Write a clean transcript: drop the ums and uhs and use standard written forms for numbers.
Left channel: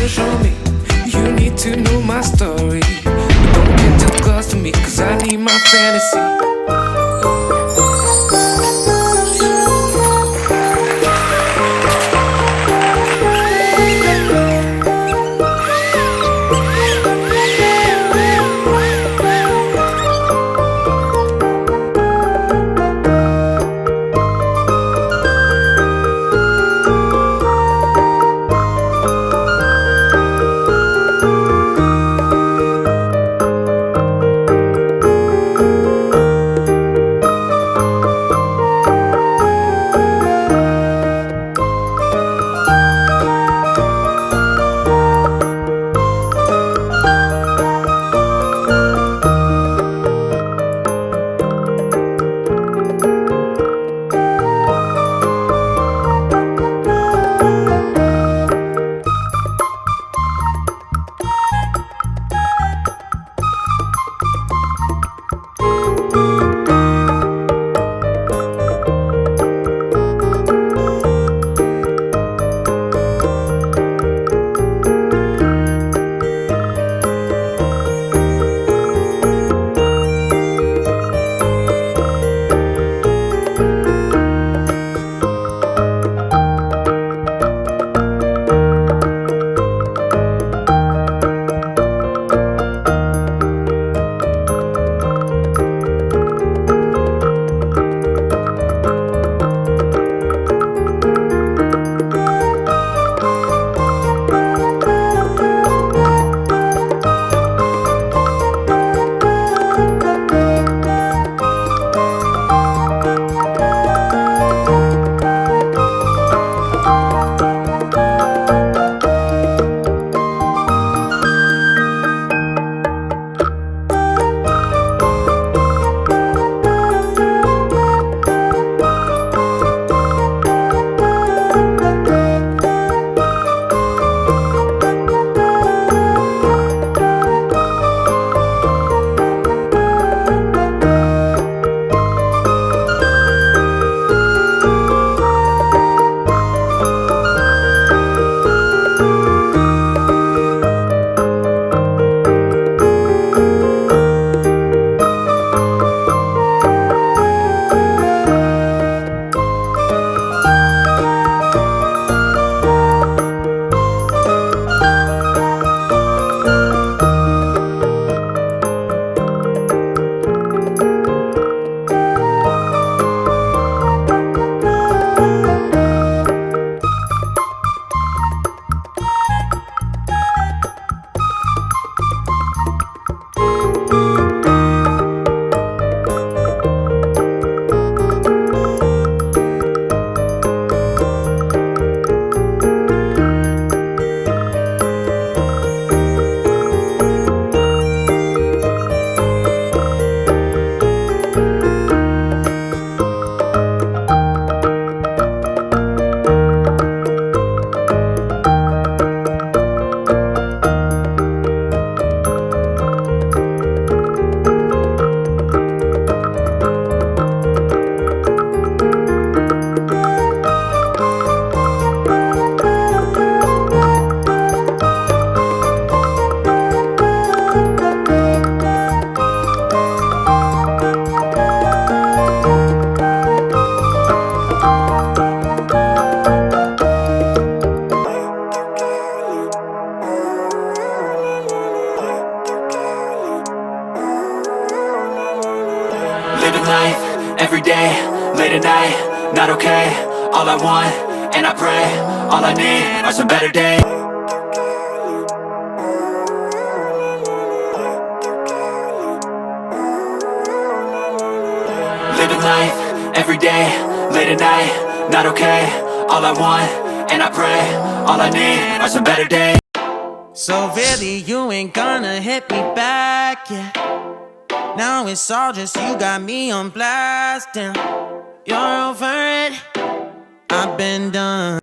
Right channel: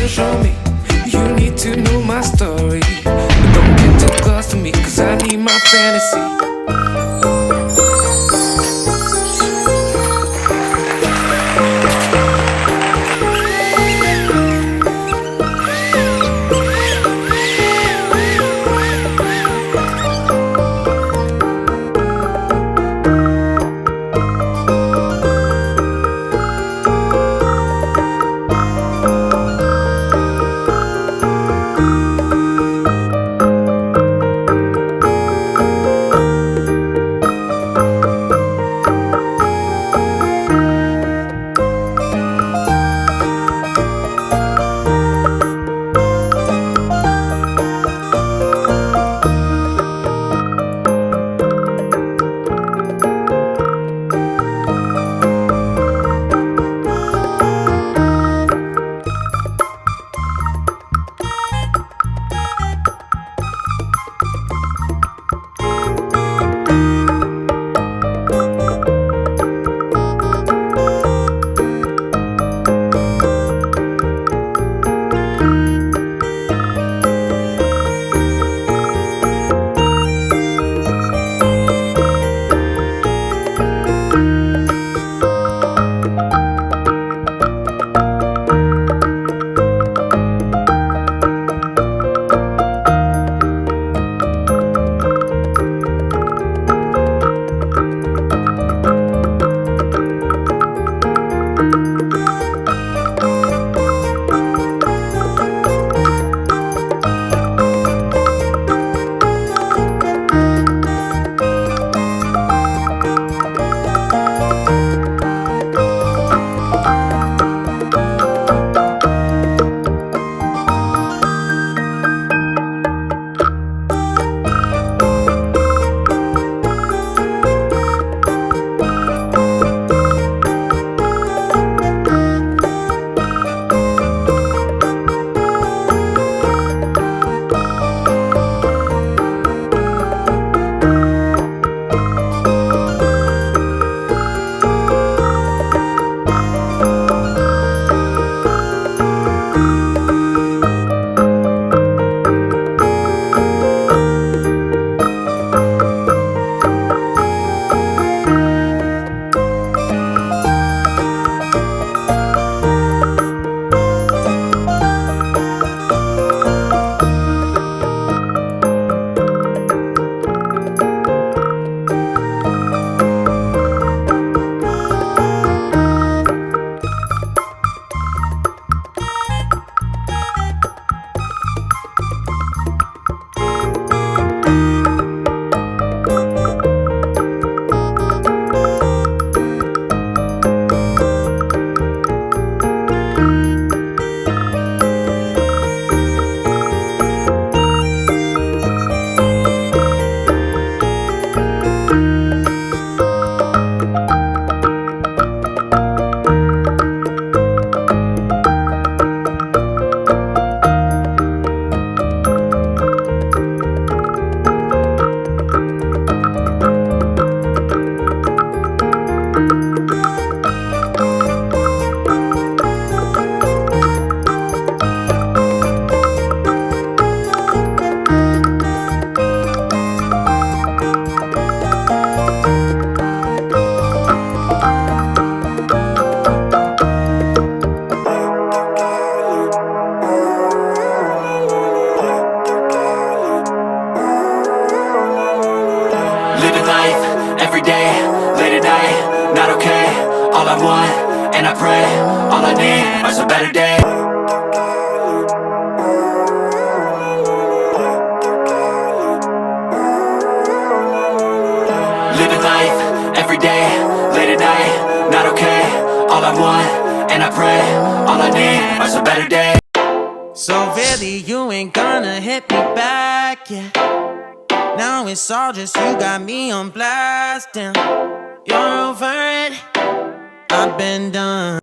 to show me. You need to know my story, but don't get too close to me, cause I need my fantasy. Living life, every day, late at night, not okay. All I want, and I pray, all I need are some better days. Living life, every day, late at night, not okay. All I want, and I pray, all I need are some better days. So really you ain't gonna hit me back, yeah. Now it's all just you got me on blast, damn. You're over it, I've been done.